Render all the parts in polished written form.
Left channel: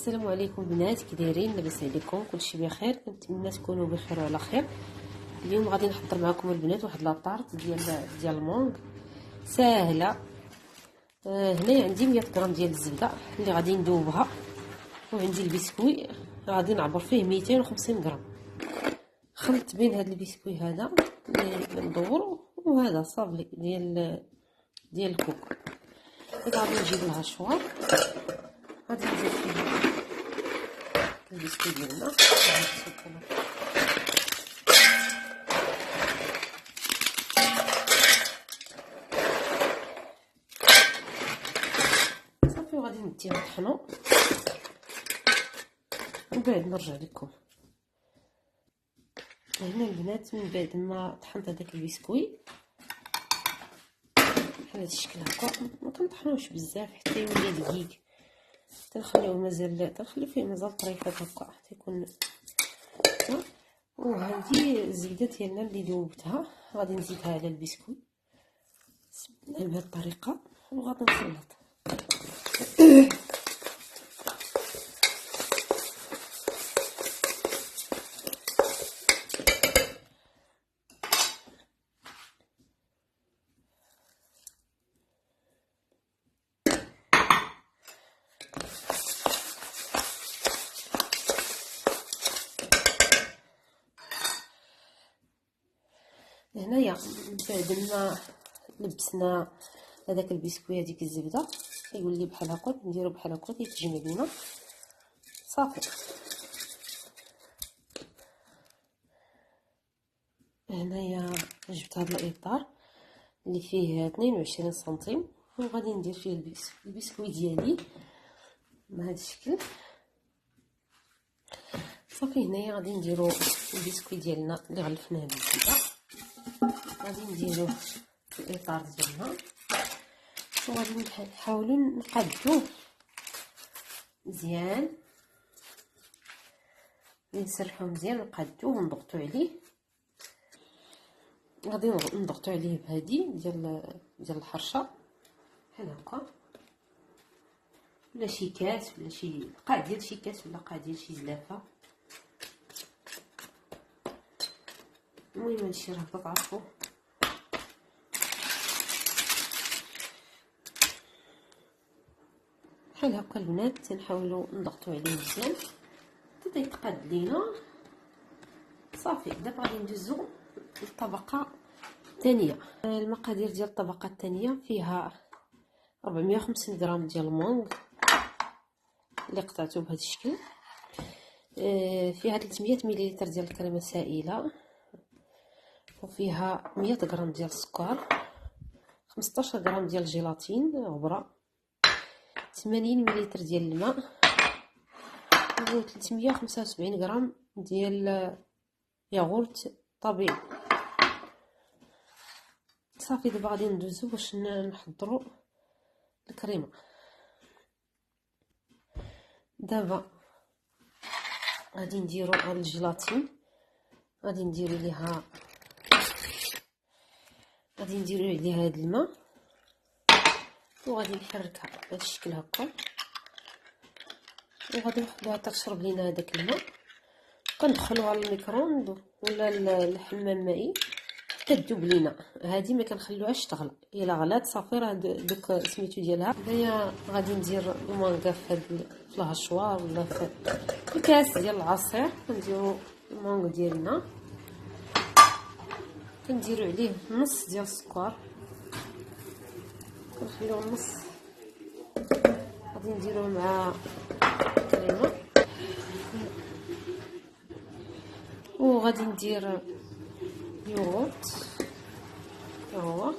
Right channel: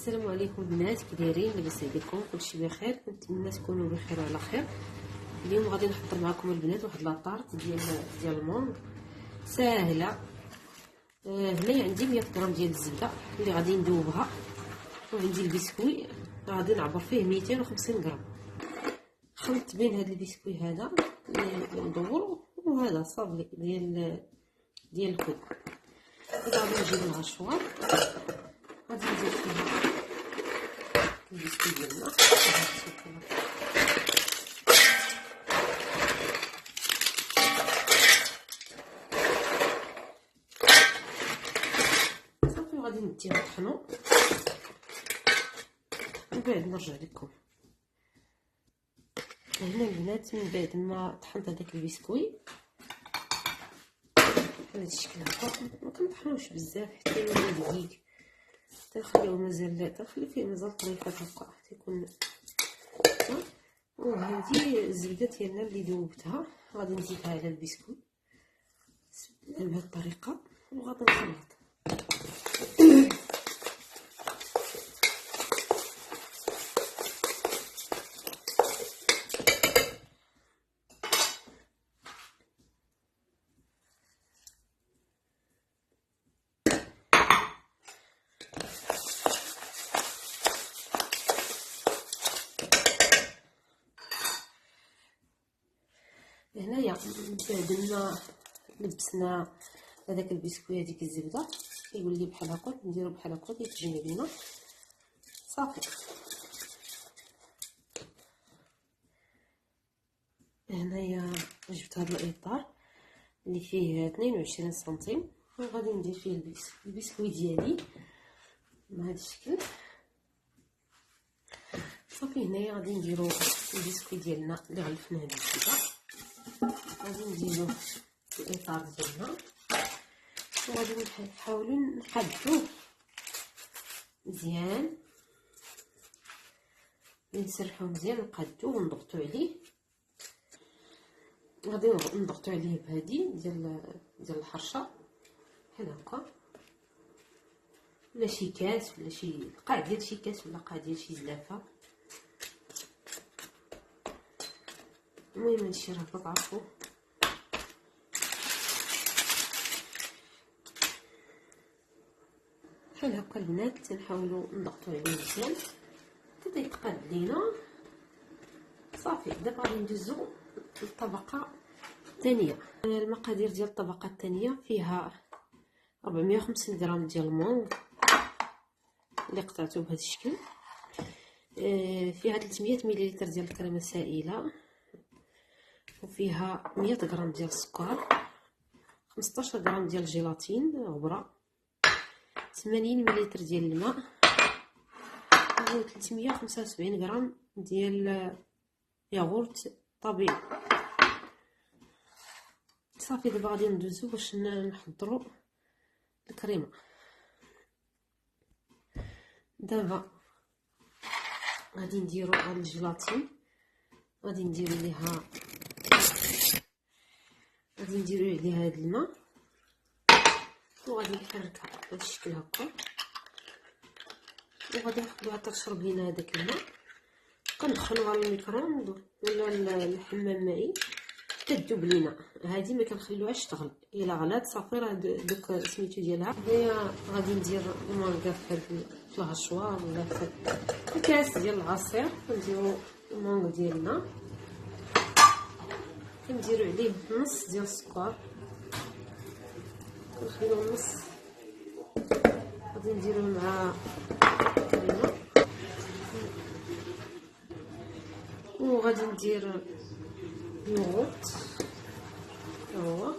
السلام عليكم البنات، كي دايرين؟ لاباس عليكم؟ كلشي بخير؟ كنتمنى تكونوا بخير وعلى خير. اليوم غادي نحضر معكم البنات واحد لاطارت ديال المونغ ساهله. هنا عندي 100 غرام ديال الزبده اللي غادي ندوبها، وعندي البسكوي غادي نعبر فيه 250 غرام. خلطت بين هذا البسكوي هذا اللي ندورو وهذا صافي ديال الكوكو. غادي نجيب الغشوار، غادي نزيد فيه البسكوي ديالنا، صافي وغادي نديه نطحنو ومن بعد نرجع لكم. هنا البنات من بعد ما طحنت هذاك البسكوي بحال هاد الشكل هكا، ما كنطحنوش بزاف حتى يولي دقيق، تنخليوه مازال فيه مازال طريفات هكا تيكون. وهذه الزبده ديالنا اللي ذوبتها غادي نزيدها على البسكوي بهذه الطريقه وغادي نخلط. هنايا بعد ما لبسنا هذاك البسكوي هذيك الزبده كيولي بحال هكا، نديرو بحال هكا كيتجمع لينا صافي. هنايا جبت هذا الاطار اللي فيه 22 سنتيم وغادي ندير فيه البسكوي ديالي بهذا الشكل صافي. هنايا غادي نديرو البسكوي ديالنا اللي غلفناه بالزبده، غادي نديرو في الاطار ديالنا وغادي نحاولوا نقادوه مزيان، نسرحوه مزيان نقادوه ونضغطو عليه. غادي نضغطو عليه بهادي ديال الحرشه بحال هكا، ولا شي كاس ولا شي قاع ديال شي كاس ولا قاع ديال شي زلافه. المهم هادشي راه كتعرفو. بحال هكا البنات تنحاولوا نضغطوا عليه مزيان حتى يتقاد لينا صافي. دابا غادي ندوزو للطبقه الثانيه. المقادير ديال الطبقه الثانيه فيها 450 غرام ديال المونغ اللي قطعته بهذا الشكل، فيها 300 ملل ديال الكريمه السائله، وفيها 100 غرام ديال السكر، 15 غرام ديال الجيلاتين غبره، 80 ملل ديال الماء، و 375 غرام ديال ياغورت طبيعي. صافي دابا غادي ندوزو باش نحضروا الكريمه. دابا غادي نديرو على الجيلاتين، غادي نديرو عليها هاد الماء وغادي نحركها بهذا الشكل هكا، وغادي نخليوها حتى تشرب لينا هذاك الماء. كندخلوها على الميكرووند ولا الحمام المائي حتى تذوب لينا. هذه ما كنخليوهاش تغلى، الا غلات صافي راه دوك سميتو ديالها. هنايا غادي ندير المانكا في الهشوار ولا في الكاس ديال العصير. كنديرو المانكا ديالنا، كنديرو عليه نص ديال السكر، نخليو نص، غادي نديرو مع الكريمه، وغادي ندير يوغورت هو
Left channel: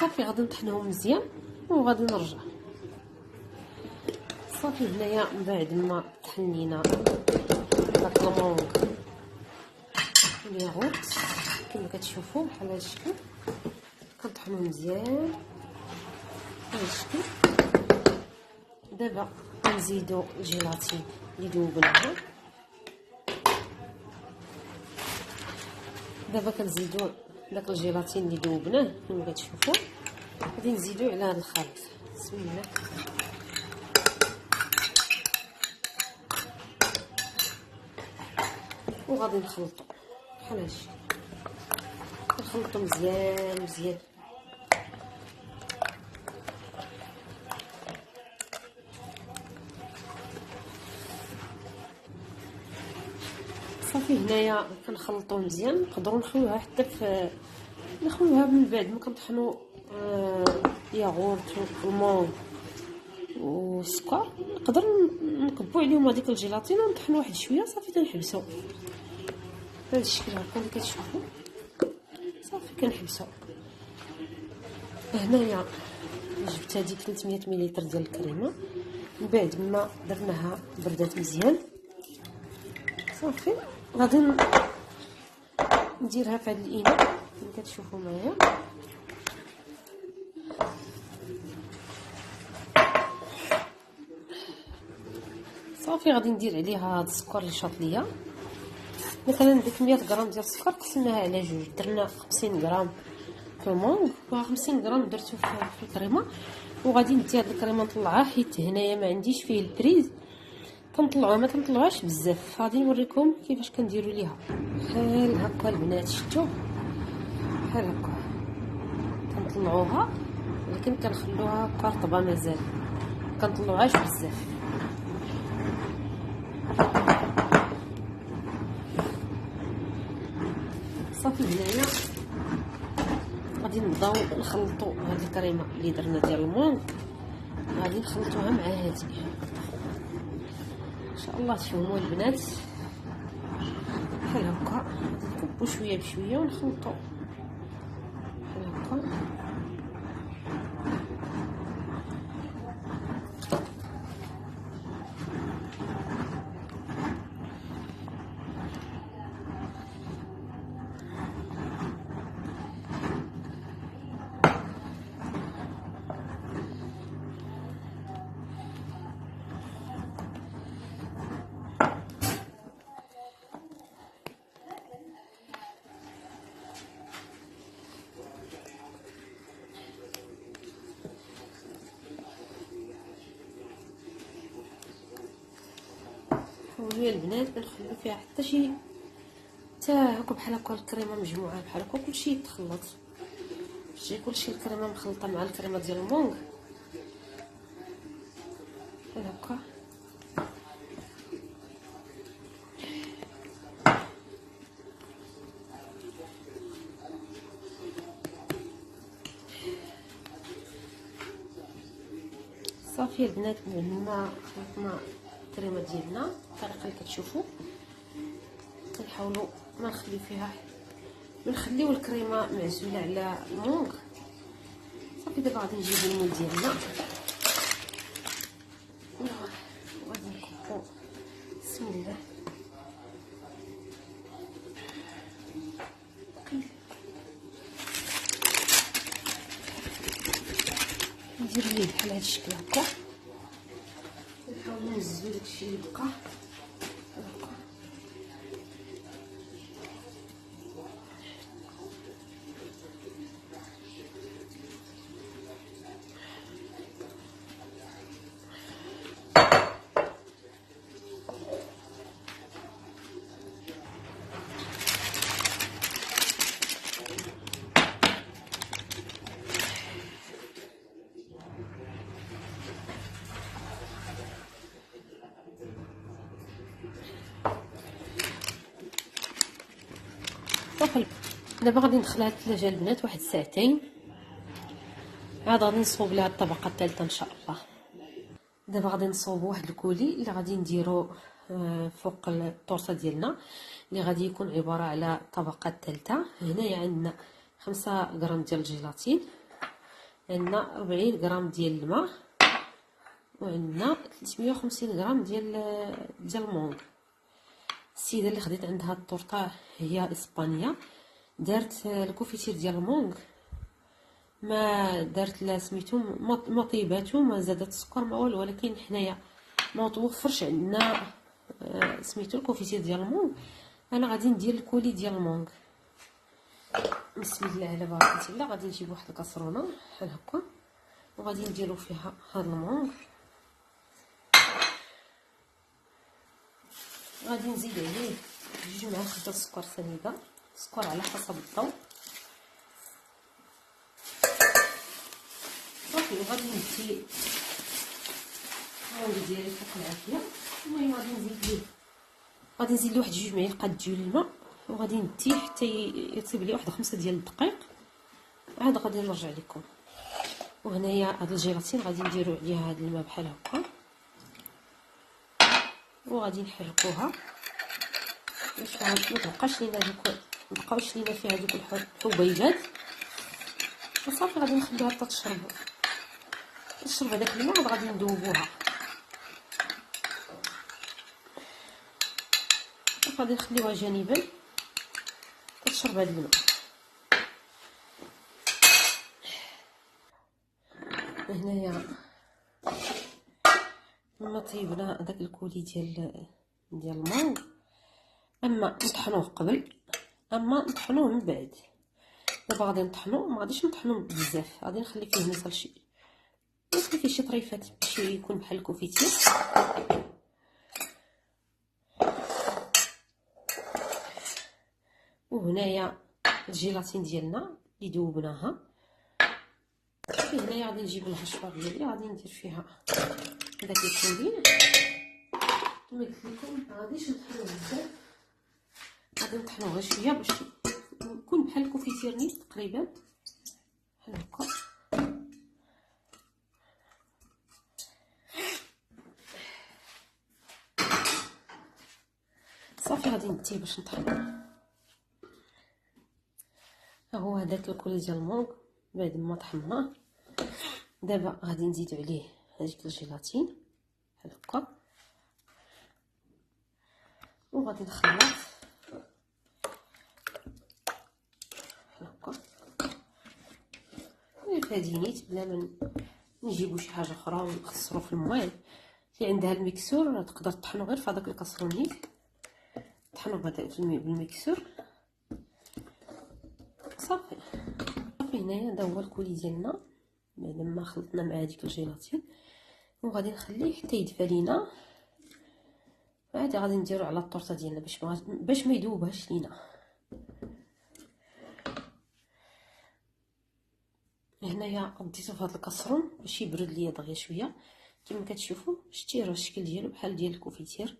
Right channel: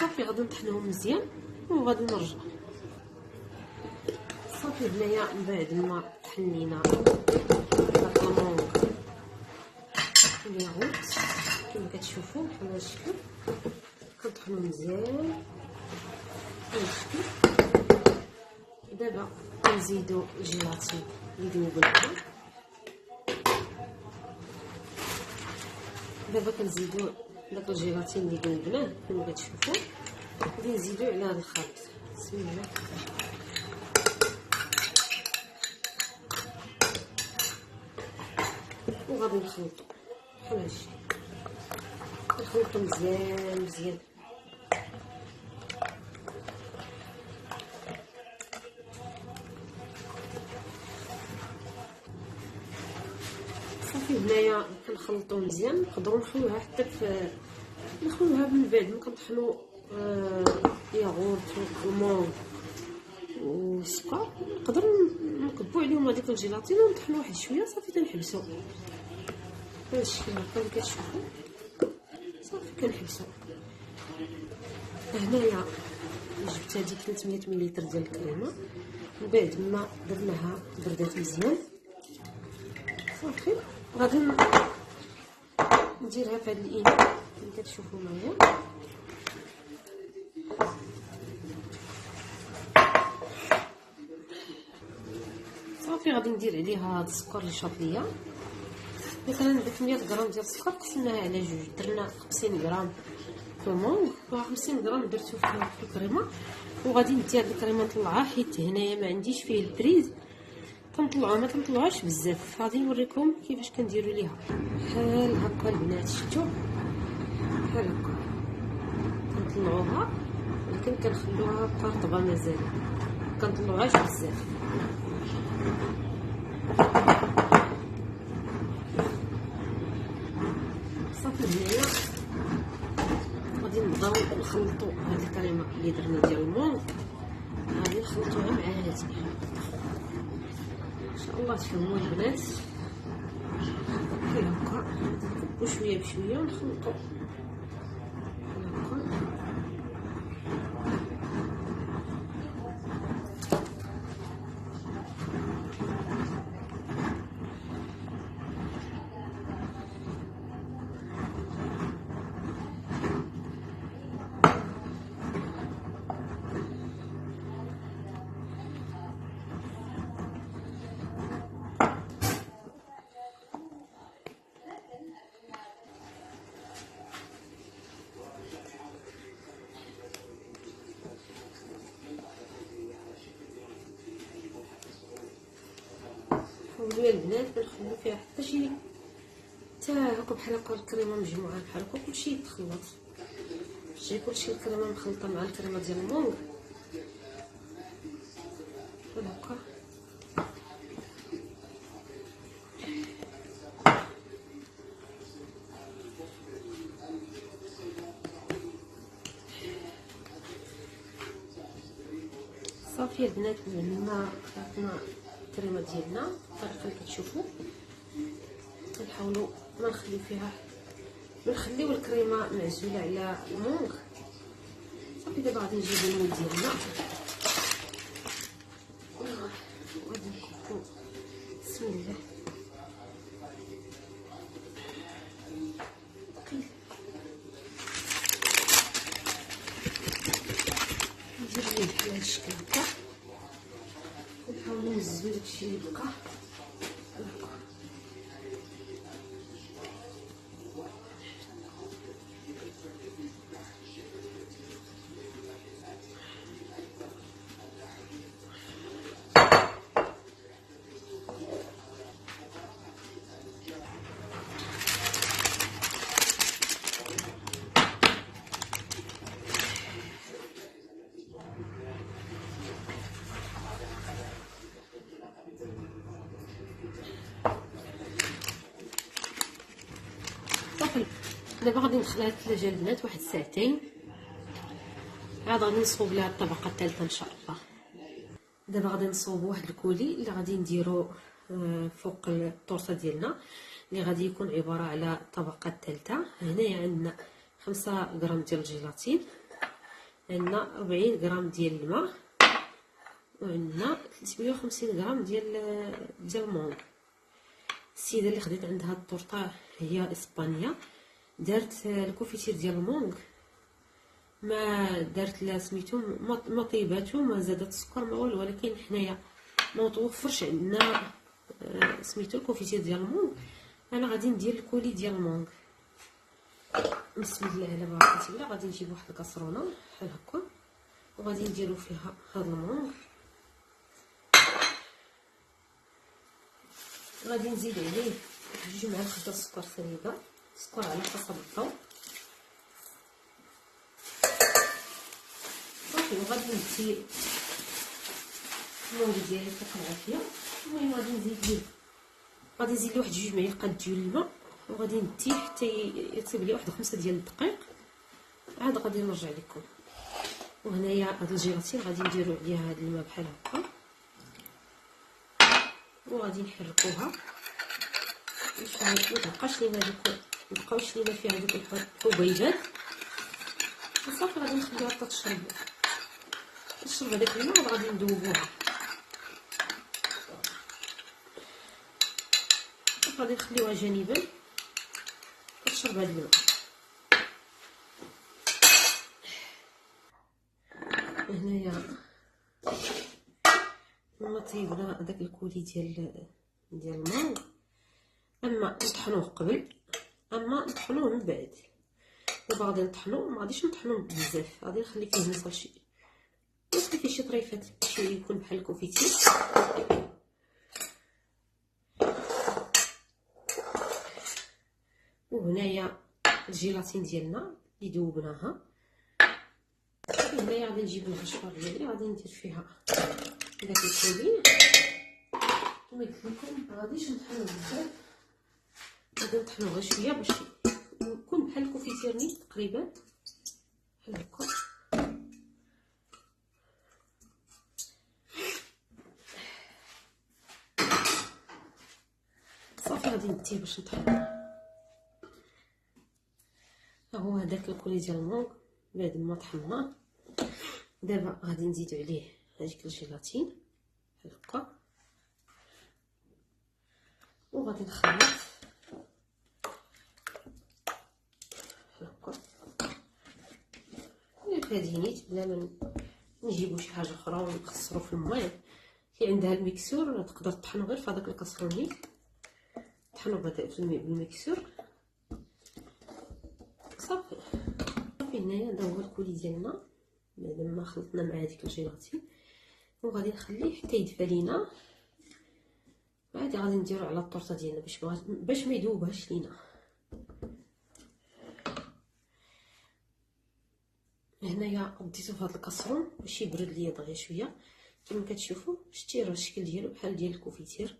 صافي. غادي نطحنهم مزيان وغادي نرجع صافي. هنايا من بعد ما طحنينا هاد المونغ والياغورت كما كتشوفوا بحال هذا الشكل، كنطحنو مزيان بهذا الشكل. دابا دابا كنزيدو الجيلاتين اللي ذوبناها. دابا كنزيدو داك الجيلاتين اللي ذوبناه كما كتشوفوا، غادي نزيدو على هذا الخليط. بسم الله. وغادي نخلطو بحال هادشي، نخلطو مزيان مزيان. صافي هنايا كنخلطو مزيان. نقدروا نخلوها حتى نخلوها من بعد ما كنطحنوا ياغورت والكمون والسكر، نقدر نكبوا عليهم هذيك الجيلاتين ونطحنوا واحد شويه. صافي تنحبسوا بهذا الشكل هكا اللي كتشوفوا. صافي كنحبسوا. هنايا جبت هذيك 300 مليلتر ديال الكريمه، من بعد ما درناها بردات مزيان. صافي غادي نديرها في هذا الاناء اللي كتشوفوا معايا. صافي غادي ندير عليها هاد السكر اللي شاط ليا. مثلا ديك 100 غرام ديال السكر قسمناها على جوج، درنا 50 غرام كمون و50 غرام درتو في الكريمه. وغادي ندي هاد الكريمه نطلعها حيت هنايا ما عنديش فيه البريز، كنطلعوها ما تنطلعوهاش بزاف. غادي نوريكم كيفاش كنديروا ليها بحال هكا البنات. شفتوا بحال هكا كنطلعوها، ولكن كنخلوها قرطبه مازال، كنطلعوهاش بزاف. صافي هنايا غادي نبداو نخلطوا هاد الكريمه اللي درنا ديال المونغ، غادي نخلطوها مع هادي ان شاء الله. تفهموا البنات بحال هكا، نكبو شويه بشويه ونخلطو بحال هكا. ويا البنات كنخلو فيها حتى شي حتى هاكا بحال هكا الكريمه مجموعه بحال هكا كلشي يتخلط. شتي كلشي الكريمه مخلطه مع الكريمه ديال المونغ بحال هكا. صافي البنات هنا خلطنا الكريمه ديالنا الطريقه اللي كتشوفوا. كنحاولوا ما نخليو فيها، نخليو الكريمه معزوله على المونغ. صافي دابا غادي نجيبو المول ديالنا وغادي نكبو. بسم الله. ندير ليه بحال هاد الشكل هكا، نحاولو نزلو داكشي اللي بقى هكا. صافي دابا غادي ندخلها للثلاجه البنات واحد ساعتين، عاد غادي نصوب ليها الطبقه الثالثه ان شاء الله. دابا غادي نصوب واحد الكولي اللي غادي نديرو فوق الطورطه ديالنا، اللي غادي يكون عباره على الطبقه الثالثه. هنايا عندنا 5 غرام ديال الجيلاتين، عندنا 40 غرام ديال الماء، وعندنا 350 غرام ديال المونغ. السيده اللي خديت عندها الطورطه هي اسبانيا، دارت الكوفيتير ديال المونغ ما درت لا سميتو ما طيباتو ما زادت السكر ما والو، ولكن حنايا ما توفرش عندنا سميتو الكونفيتير ديال المونغ. انا غادي ندير الكولي ديال المونغ. بسم الله على بركه الله. غادي نجيب واحد الكاسرونه بحال هكا وغادي نديرو فيها هاد المونغ. غادي نزيد عليه 2 معالق ديال السكر سنيده، السكر على حسب الذوق. صافي غادي ندير المونغ ديالي فوق العافيه. المهم غادي نزيد ليه واحد 2 معالق ديال الماء وغادي نديه حتى يطيب لي واحد 5 ديال الدقائق. عاد غادي نرجع لكم. وهنايا هاد الجيلاتين غادي نديرو عليها هاد الماء بحال هكا وغادي نحركوها باش متبقاش لينا مبقاوش لينا فيها هادوك الحبيبات. وصافي غادي نخليها حتى تشرب هداك الماء وغادي نذوبوها. غادي نخليوها جانبا تشرب هاد الماء. هنايا لما طيبنا داك الكولي ديال المونغ، اما نطحنوه قبل اما نطحنوه من بعد. دابا غادي نطحنوه، ما غاديش نطحنوه بزاف، غادي نخلي فيه نصلي فيه شي طريفات باش يكون بحال الكونفيتير. وهنايا الجيلاتين ديالنا اللي ذوبناها. هنايا غادي نجيب الهشوار ديالي غادي ندير فيها هذاك الكولي. كما قلت لكم ما غاديش نطحنوه بزاف، غادي نطحنوه غير شويه باش يكون بحال الكونفيتير نيت تقريبا بحال هكا. صافي غادي نديه باش نطحنو. ها هو هذاك الكولي ديال المونغ بعد ما طحناه. دابا غادي نزيد عليه هذيك الجيلاتين بحال هكا وغادي نخلط بحال هكا. هادي نيت بلا ما نجيبو شي حاجه اخرى ونخسرو في الماء. اللي عندها الميكسور تقدر طحنو غير في هذاك الكاسرونيت، طحنو بالميكسور. صافي هنايا هذا هو الكولي ديالنا بعد ما خلطنا مع هذيك الجيلاتين. وغادي نخليه حتى يدفى لينا. عاد غادي نديرو على الطورطه ديالنا باش ما يذوبهاش لينا. هنايا ديتو في هذا الكاسرون باش يبرد ليا دغيا شويه. كما كتشوفوا شتي راه الشكل ديالو بحال ديال الكونفيتير،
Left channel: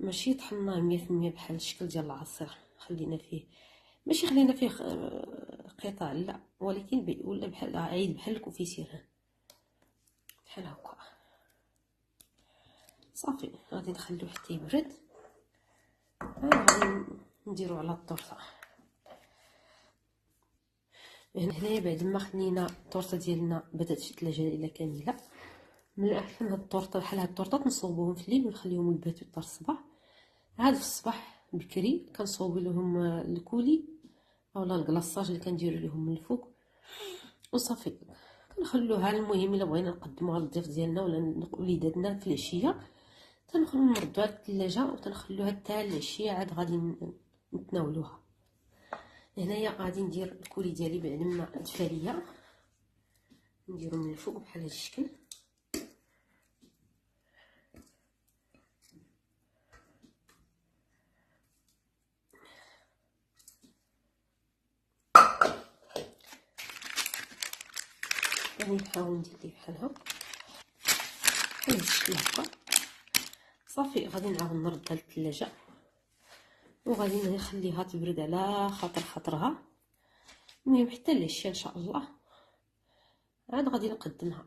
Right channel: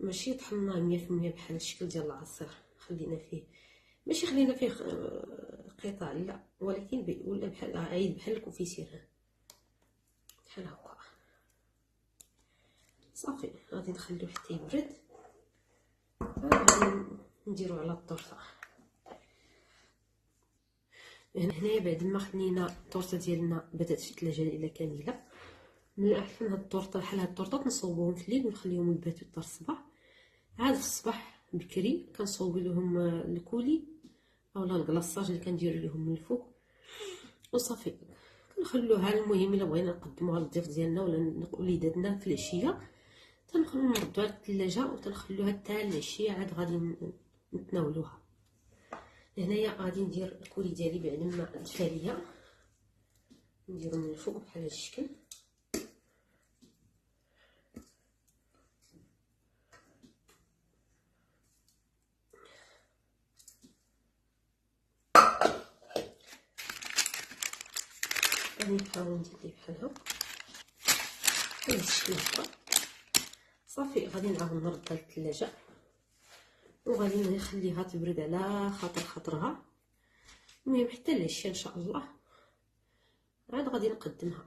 ماشي طحناه 100% بحال الشكل ديال العصير. خلينا فيه ماشي خلينا فيه قطع لا، ولكن ولا بحال عيد بحال الكونفيتير بحال هكا. صافي غادي نخليوه حتى يبرد. غادي نديرو على الطورطه. هنايا بعد ما خلينا الطورطه ديالنا بدات في الثلاجه الى كامله، من الاحسن هاد الطورطه بحال هاد الطورطه نصوبوهم في الليل ونخليهم يباتوا حتى الصباح. عاد في الصباح بكري كنصوب لهم الكولي اولا الكلاصاج اللي كنديروا لهم من الفوق وصافي كنخلوها. المهم الا بغينا نقدموها للضيف ديالنا ولا وليداتنا في العشيه نردوها للثلاجه وتنخلوها حتى العشيه عاد غادي نتناولوها. هنايا غادي ندير الكولي ديالي بعد ما دفا ليا، نديرو من الفوق بحال هذا الشكل. غادي نحاول ندير ليه بحال هكا بحال الشكل هكا. صافي غادي نعاود نردها للثلاجه وغادي نخليها تبرد على خاطرها. المهم حتى العشيه ان شاء الله عاد غادي نقدمها.